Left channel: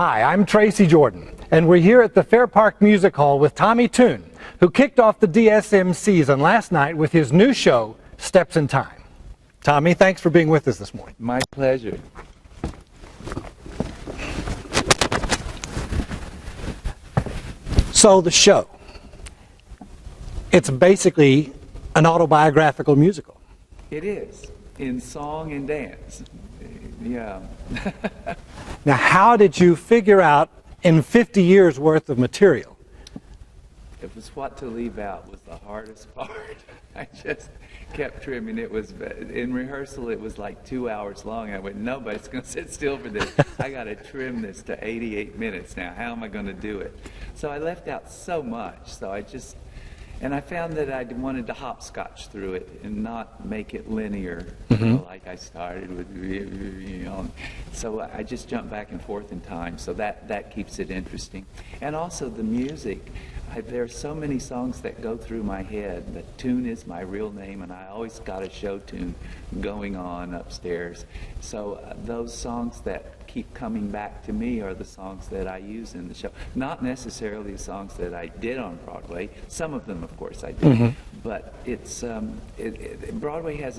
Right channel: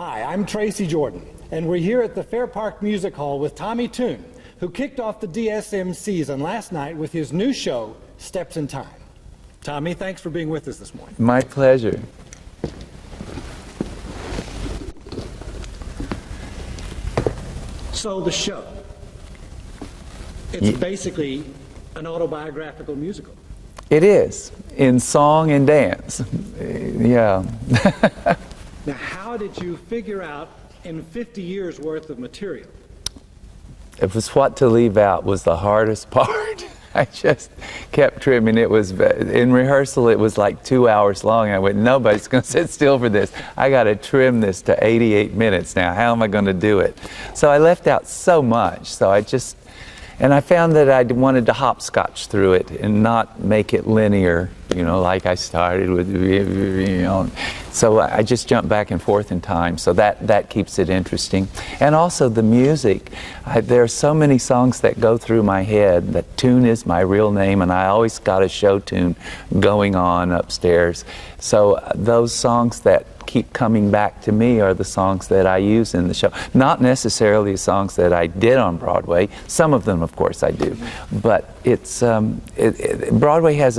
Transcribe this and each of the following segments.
Hi, I'm Tracy Jordan, and we're here at the Fair Park Music Hall with Tommy Tune, who kicked off the DSM season last night with his new show, Steps in Time. Tommy, thanks for being with us this morning. My pleasure. So the show, it's basically an autobiographical musical. It is, in song and dance. Yeah. Now, how did you figure out in 50 years worth of material? It was what to leave out was the hardest part. I just kept trimming. It was, in rehearsal, it was like 2 hours long. I went, nobody's going to sit still for this. I got to trim this to 88 minutes now. How am I going to do it? So I left out so much. So and I found that I wanted to hopscotch through it and not make it linear, you know, like I started with, you know. So I just jump back and forth in time, so that keeps it interesting. And also the music. There are so many songs that go through my head. That Tune is my real name, and I always got a show tune going on upstairs. So those songs that keep coming back to me are the songs that I use in the show. Not necessarily the songs that I did on Broadway. Some of them, of course, I did. But it's Broadway has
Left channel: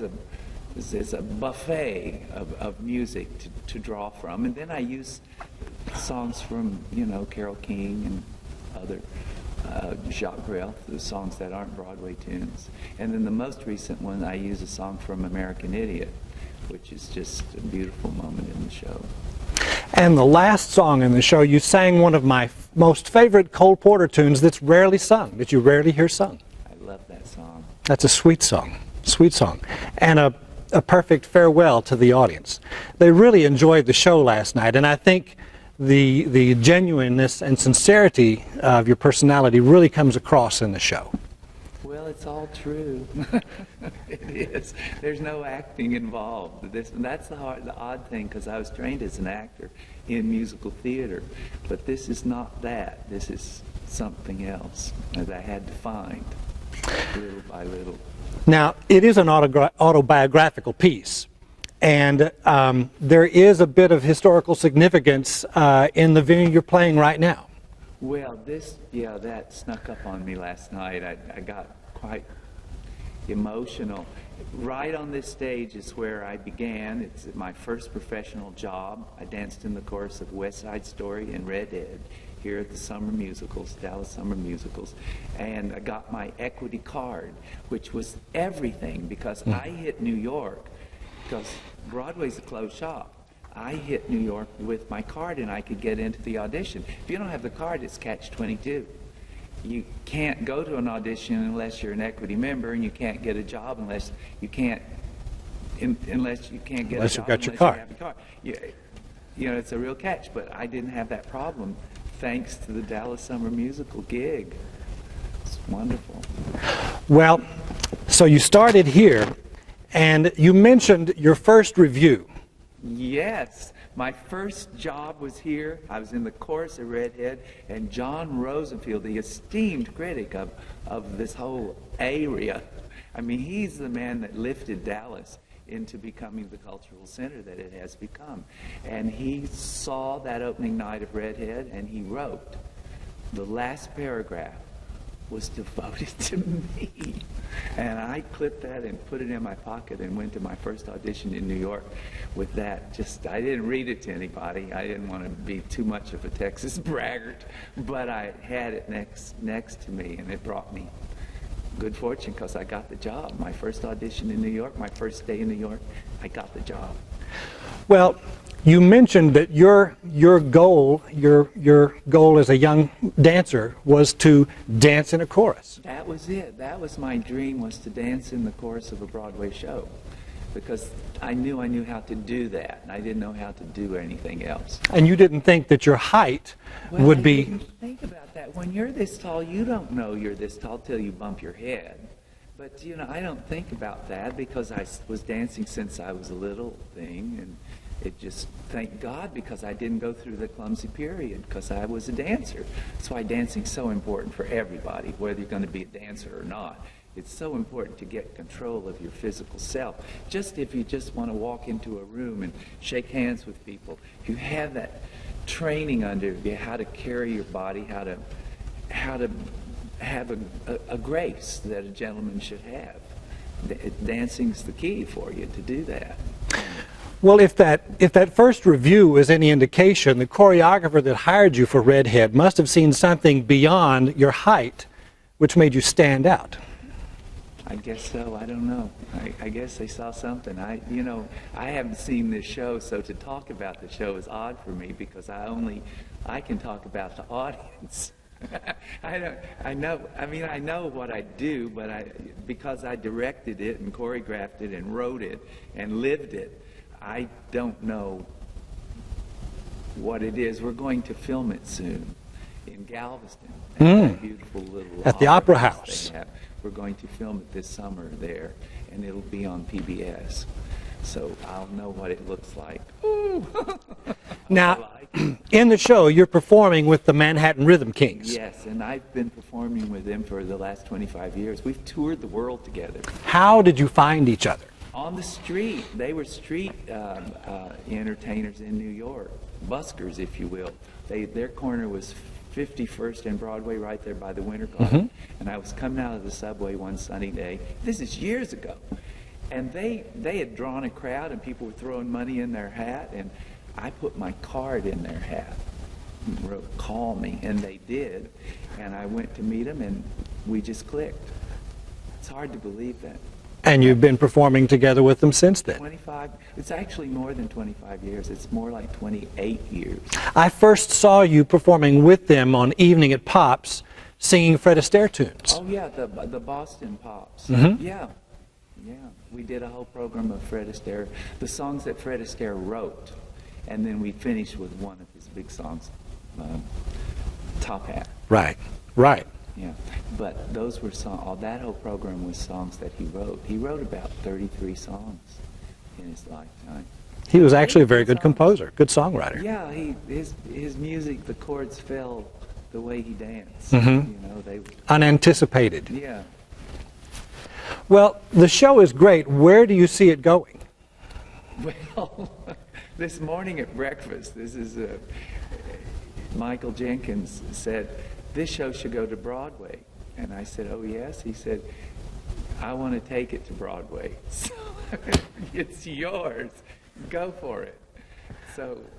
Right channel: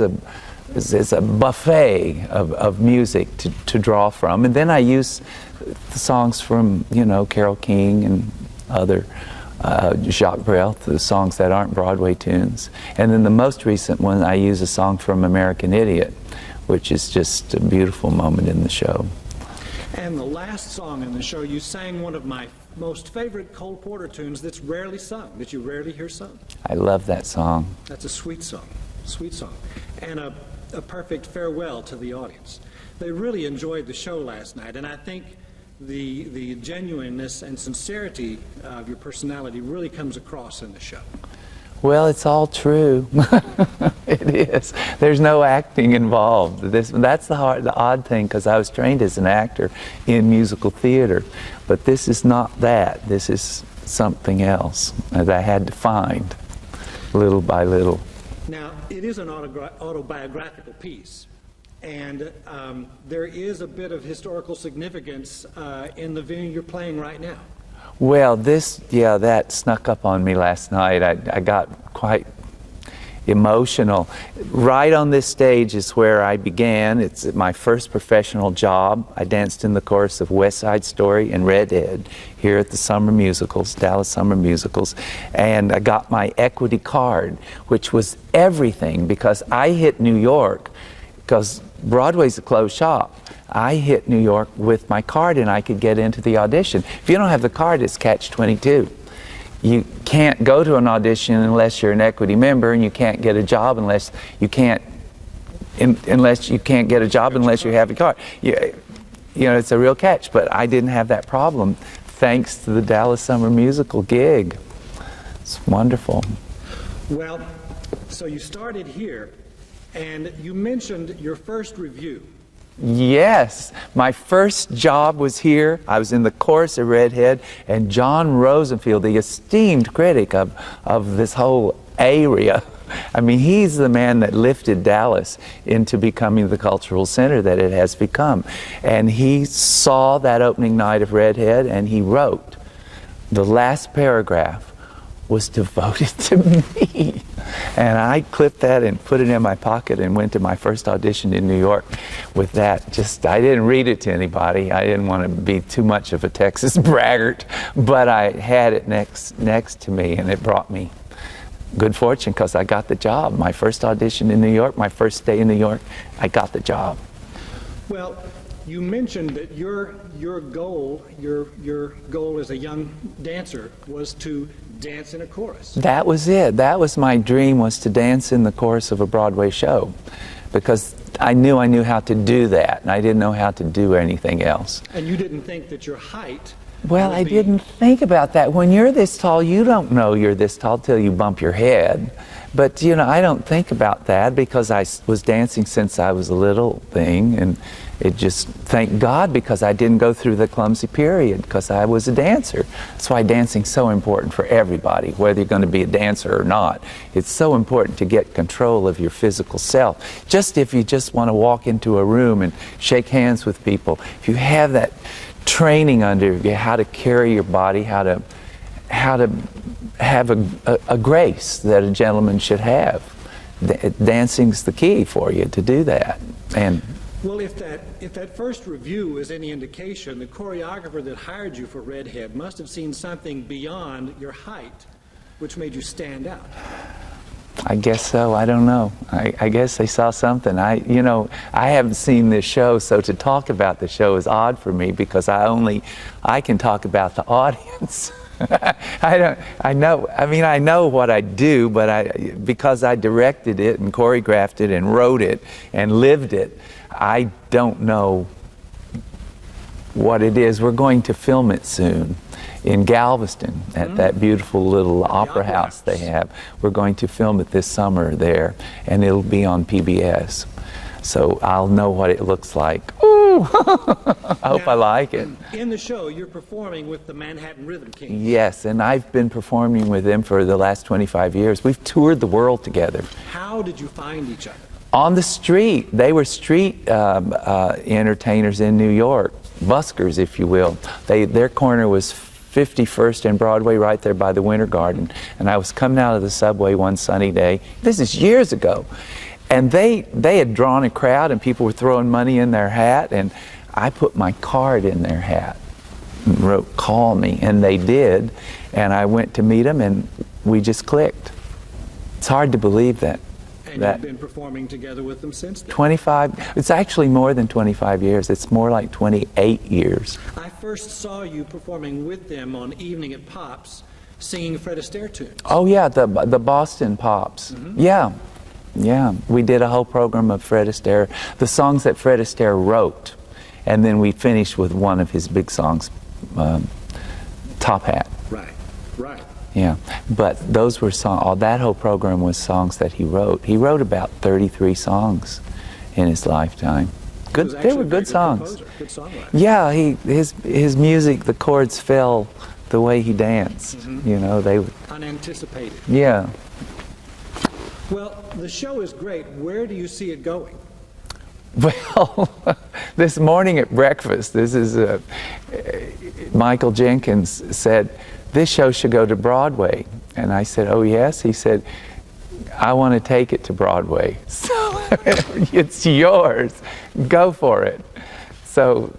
is a buffet of music to draw from, and then I use songs from, you know, Carole King and other Jacques Brel, the songs that aren't Broadway tunes. And then the most recent one, I use a song from American Idiot, which is just a beautiful moment in the show. And the last song in the show, you sang one of my most favorite Cole Porter tunes that's rarely sung, that you rarely hear sung. I love that song. That's a sweet song, and a perfect farewell to the audience. They really enjoyed the show last night, and I think the genuineness and sincerity of your personality really comes across in the show. Well, it's all true. It is. There's no acting involved. That's the odd thing, because I was trained as an actor in musical theater, but this is not that. This is something else that I had to find little by little. Now, it is an autobiographical piece, and there is a bit of historical significance in the venue you're playing right now. Well, that snuck up on me last night. I got quite emotional. Right on this stage is where I began. It's my first professional job. I danced in the chorus of West Side Story and Redhead here at the Summer Musicals, Dallas Summer Musicals. And I got my equity card, which was everything, because I hit New York, because Broadway's a closed shop. I hit New York with my card, and I could get into the audition. If you don't have the card, it's catch-22. You can't go to an audition unless you're an equity member, and you can't get a job unless you can't get a job unless you have a card. You know, it's a real catch. But I didn't have that problem, thanks to the Dallas Summer Musical gig. It's wonderful. Well, so you started here, and you mentioned your first review. Yes, my first job was here. I was in the chorus of Redhead, and John Rosenfield, the esteemed critic of this whole area, I mean, he's the man that lifted Dallas into becoming the cultural center that it has become. And he saw that opening night of Redhead, and he wrote, the last paragraph was devoted to me. And I clipped that and put it in my pocket and went to my first audition in New York with that. I didn't read it to anybody. I didn't want to be too much of a Texas braggart, but I had it next to me, and it brought me good fortune, because I got the job. My first audition in New York, my first day in New York, I got the job. Well, you mentioned that your goal as a young dancer was to dance in a chorus. That was it. That was my dream, was to dance in the chorus of a Broadway show, because I knew how to do that, and I didn't know how to do anything else. And you didn't think that your height Well, I didn't think about that. When you're this tall, you don't know you're this tall till you bump your head. But, you know, I don't think about that, because I was dancing since I was a little thing, it just, thank God, because I didn't go through the clumsy period, because I was a dancer. That's why dancing's so important for everybody, whether you're going to be a dancer or not. It's so important to get control of your physical self. Just if you just want to walk into a room and shake hands with people, if you have that training under you, how to carry your body, how to have a grace that a gentleman should have. Dancing's the key for you to do that. And well, if that first review is any indication, the choreographer that hired you for Redhead must have seen something beyond your height, which made you stand out. I guess so. I don't know. I guess they saw something. I haven't seen this show, so to talk about the show is odd for me, because I can talk about the audience. I know what I do, but because I directed it and choreographed it and wrote it and lived it, I don't know what it is. We're going to film it soon in Galveston at that beautiful little opera house they have. We're going to film it this summer there, and it'll be on PBS. So I'll know what it looks like. Ooh! I hope I like it. In the show, you're performing with the Manhattan Rhythm Kings. Yes, and I've been performing with them for the last 25 years. We've toured the world together. How did you find each other? On the street. They were street entertainers in New York, buskers, if you will. Their corner was 51st and Broadway, right there by the Winter Garden. And I was coming out of the subway one sunny day. This is years ago. And they had drawn a crowd, and people were throwing money in their hat, and I put my card in their hat and wrote, "Call me," and they did. And I went to meet them, and we just clicked. It's hard to believe that. And you've been performing together with them since then? 25, it's actually more than 25 years. It's more like 28 years. I first saw you performing with them on Evening at Pops, singing Fred Astaire tunes. Oh yeah, the Boston Pops. Yeah. Yeah, we did a whole program of Fred Astaire, the songs that Fred Astaire wrote, and then we finished with one of his big songs, Top Hat. Right, right. Yeah, but those were songs, that whole program was songs that he wrote. He wrote about 33 songs in his lifetime. He was actually a very good composer, good songwriter. Yeah, his music, the chords fell the way he danced. You know, they unanticipated. Yeah. Well, the show is great. Where do you see it going? Well, this morning at breakfast, this is Michael Jenkins said, "This show should go to Broadway." And I said, "Oh yes?" He said, "I want to take it to Broadway." So it's yours. Go for it. So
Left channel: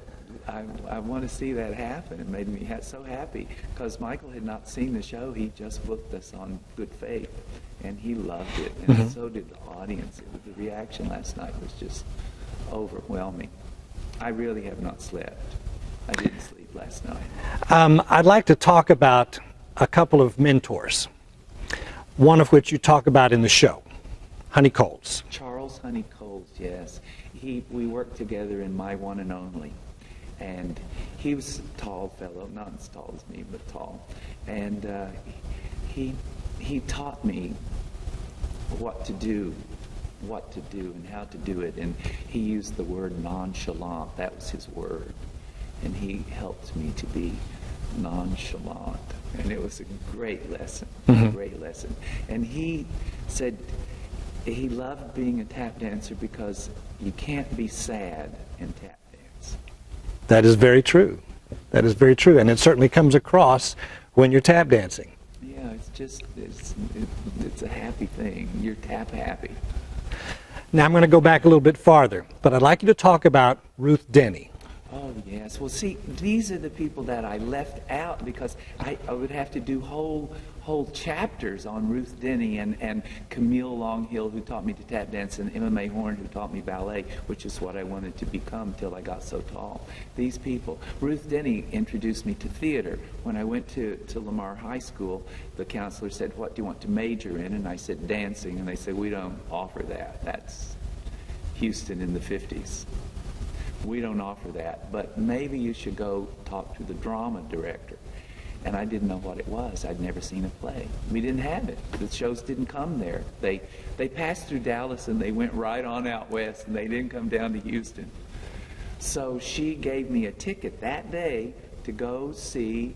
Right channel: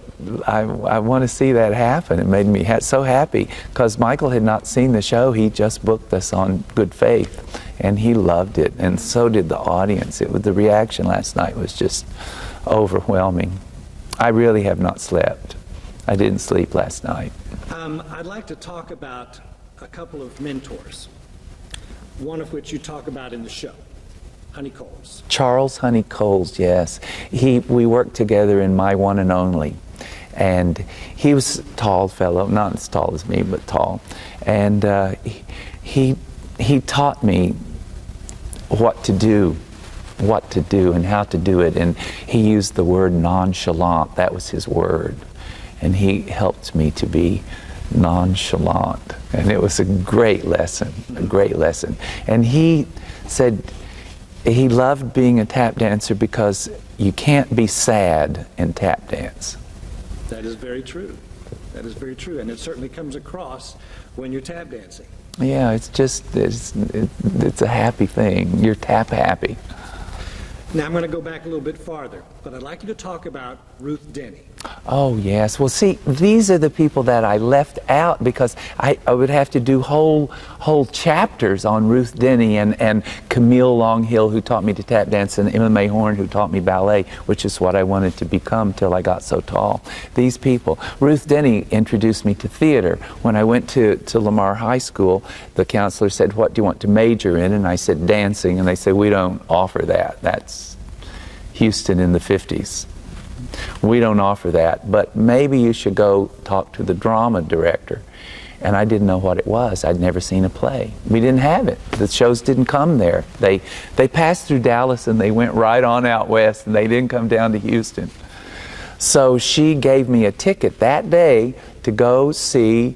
I want to see that happen. It made me so happy, because Michael had not seen the show. He just booked us on good faith, and he loved it, and so did the audience. The reaction last night was just overwhelming. I really have not slept. I didn't sleep last night. I'd like to talk about a couple of mentors, one of which you talk about in the show, Honey Coles. Charles Honey Coles, yes. We worked together in My One and Only. And he was a tall fellow, not as tall as me, but tall. And he taught me what to do and how to do it. And he used the word nonchalant. That was his word. And he helped me to be nonchalant. And it was a great lesson, a great lesson. And he said he loved being a tap dancer because you can't be sad and tap dance. That is very true. That is very true. And it certainly comes across when you're tap dancing. Yeah, it's just, it's a happy thing. You're tap happy. Now I'm going to go back a little bit farther, but I'd like you to talk about Ruth Denny. Oh, yes. Well, see, these are the people that I left out, because I would have to do whole chapters on Ruth Denny and Camille Longhill, who taught me to tap dance, and Emma May Horn, who taught me ballet, which is what I wanted to become till I got so tall. These people. Ruth Denny introduced me to theater. When I went to Lamar High School, the counselor said, "What do you want to major in?" And I said, "Dancing." And they said, "We don't offer that. That's Houston in the 50s. We don't offer that, but maybe you should go talk to the drama director." And I didn't know what it was. I'd never seen a play. We didn't have it. The shows didn't come there. They passed through Dallas and they went right on out west, and they didn't come down to Houston. So she gave me a ticket that day to go see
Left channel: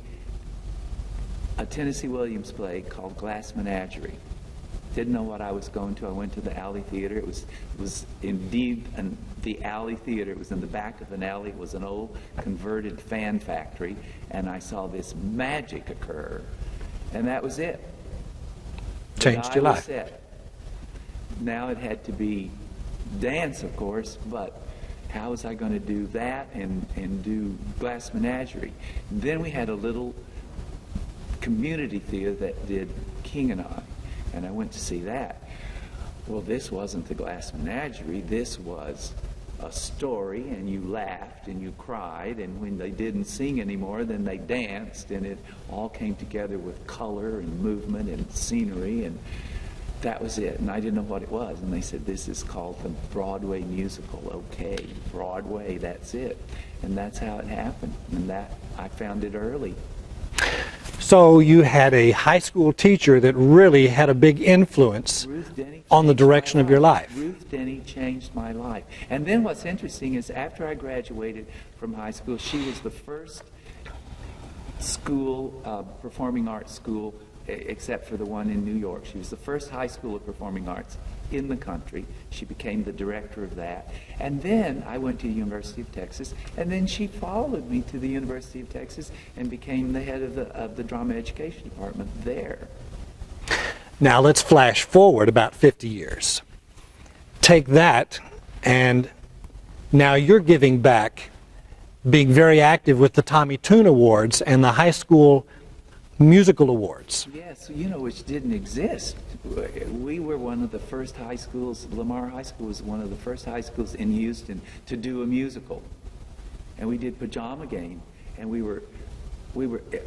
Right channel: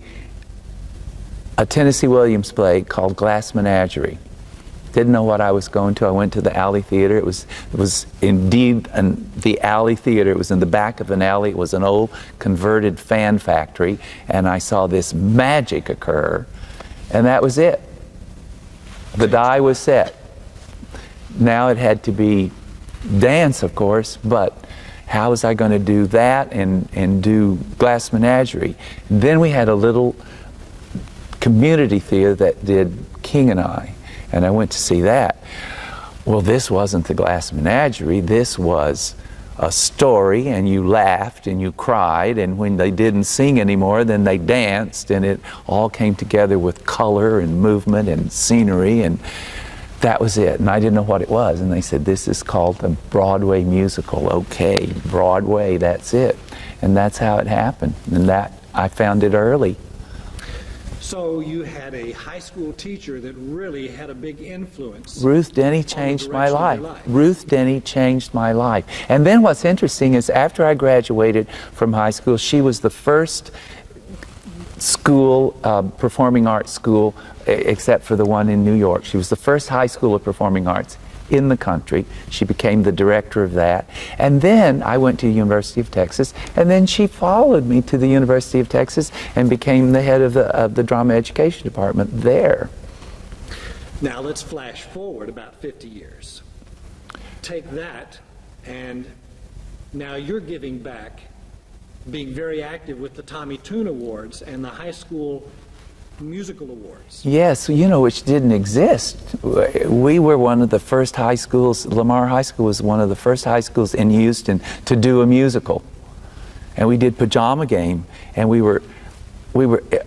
a Tennessee Williams play called Glass Menagerie. Didn't know what I was going to. I went to the Alley Theater. It was indeed the Alley Theater. It was in the back of an alley. It was an old converted fan factory, and I saw this magic occur, and that was it. The die was set. Now it had to be dance, of course, but how was I going to do that and do Glass Menagerie? Then we had a little community theater that did King and I went to see that. Well, this wasn't the Glass Menagerie. This was a story, and you laughed and you cried, and when they didn't sing anymore, then they danced, and it all came together with color and movement and scenery, and that was it. And I didn't know what it was, and they said, this is called the Broadway musical. Okay, Broadway, that's it. And that's how it happened, and that I found it early. So you had a high school teacher that really had a big influence. Ruth Denny changed on the direction my of your life. Ruth Denny changed my life. And then what's interesting is after I graduated from high school, she was the first school, performing arts school, except for the one in New York. She was the first high school of performing arts in the country. She became the director of that. And then I went to the University of Texas, and then she followed me to the University of Texas and became the head of the drama education department there. Now let's flash forward about 50 years. Take that, and now you're giving back, being very active with the Tommy Tune Awards and the high school musical awards. Yes, you know, which didn't exist. We were one of the first high schools, Lamar High School was one of the first high schools in Houston to do a musical. And we did Pajama Game, and we were,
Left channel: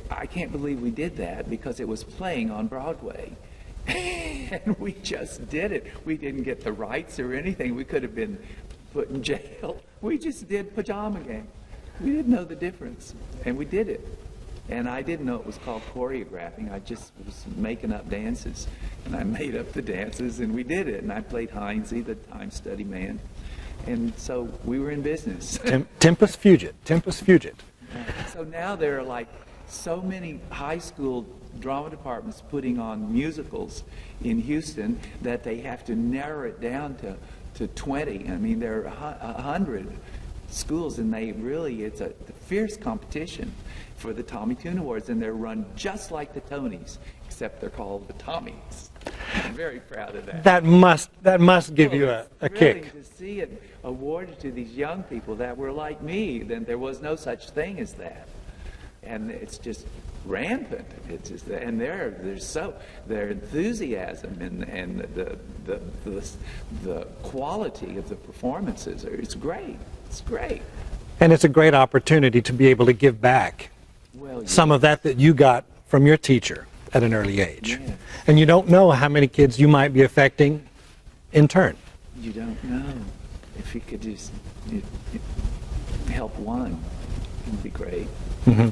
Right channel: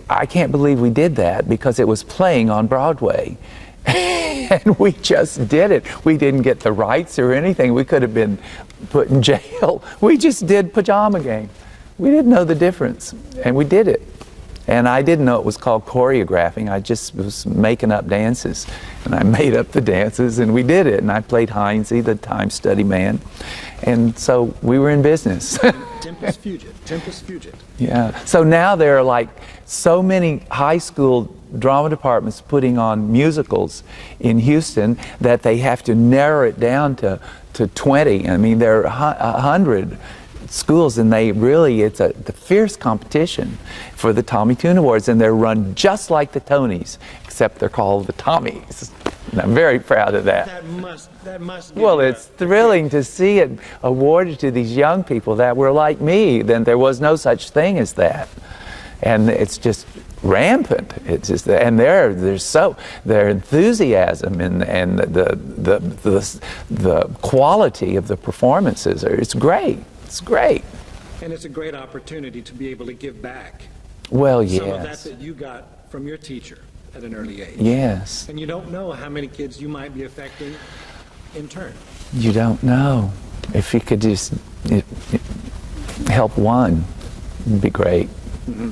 I can't believe we did that because it was playing on Broadway. And we just did it. We didn't get the rights or anything. We could have been put in jail. We just did Pajama Game. We didn't know the difference, and we did it. And I didn't know it was called choreographing. I just was making up dances. And I made up the dances, and we did it. And I played Heinze, the time study man. And so we were in business. Tempus fugit, tempus fugit. Yeah. So now there are like so many high school drama departments putting on musicals in Houston that they have to narrow it down to 20. I mean, there are 100 schools, and they really, it's the fierce competition for the Tommy Tune Awards, and they're run just like the Tonys, except they're called the Tommies. And I'm very proud of that. That must give well, you it's a thrilling kick. to see it awarded to these young people that were like me. Then there was no such thing as that, and it's just rampant. It's just, and their enthusiasm and the quality of the performances it's great. It's great. And it's a great opportunity to be able to give back some of that you got from your teacher at an early age. Yes. And you don't know how many kids you might be affecting in turn. You don't know. If you could just help one, it'd be great. Mm-hmm.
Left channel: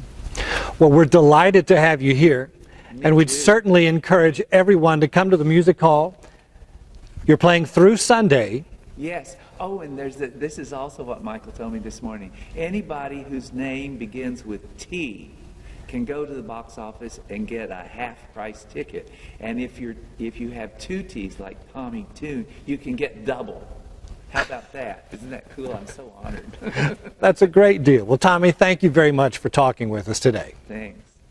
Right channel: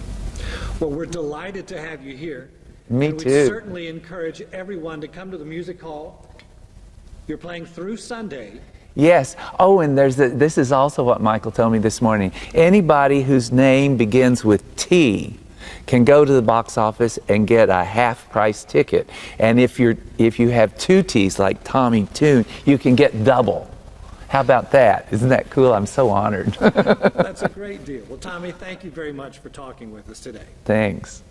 Well, we're delighted to have you here. Me and we'd too. certainly encourage everyone to come to the music hall. You're playing through Sunday. Yes. Oh, and this is also what Michael told me this morning. Anybody whose name begins with T can go to the box office and get a half-price ticket. And if you have two T's, like Tommy Tune, you can get double. How about that? Isn't that cool? I'm so honored. That's a great deal. Well, Tommy, thank you very much for talking with us today. Thanks.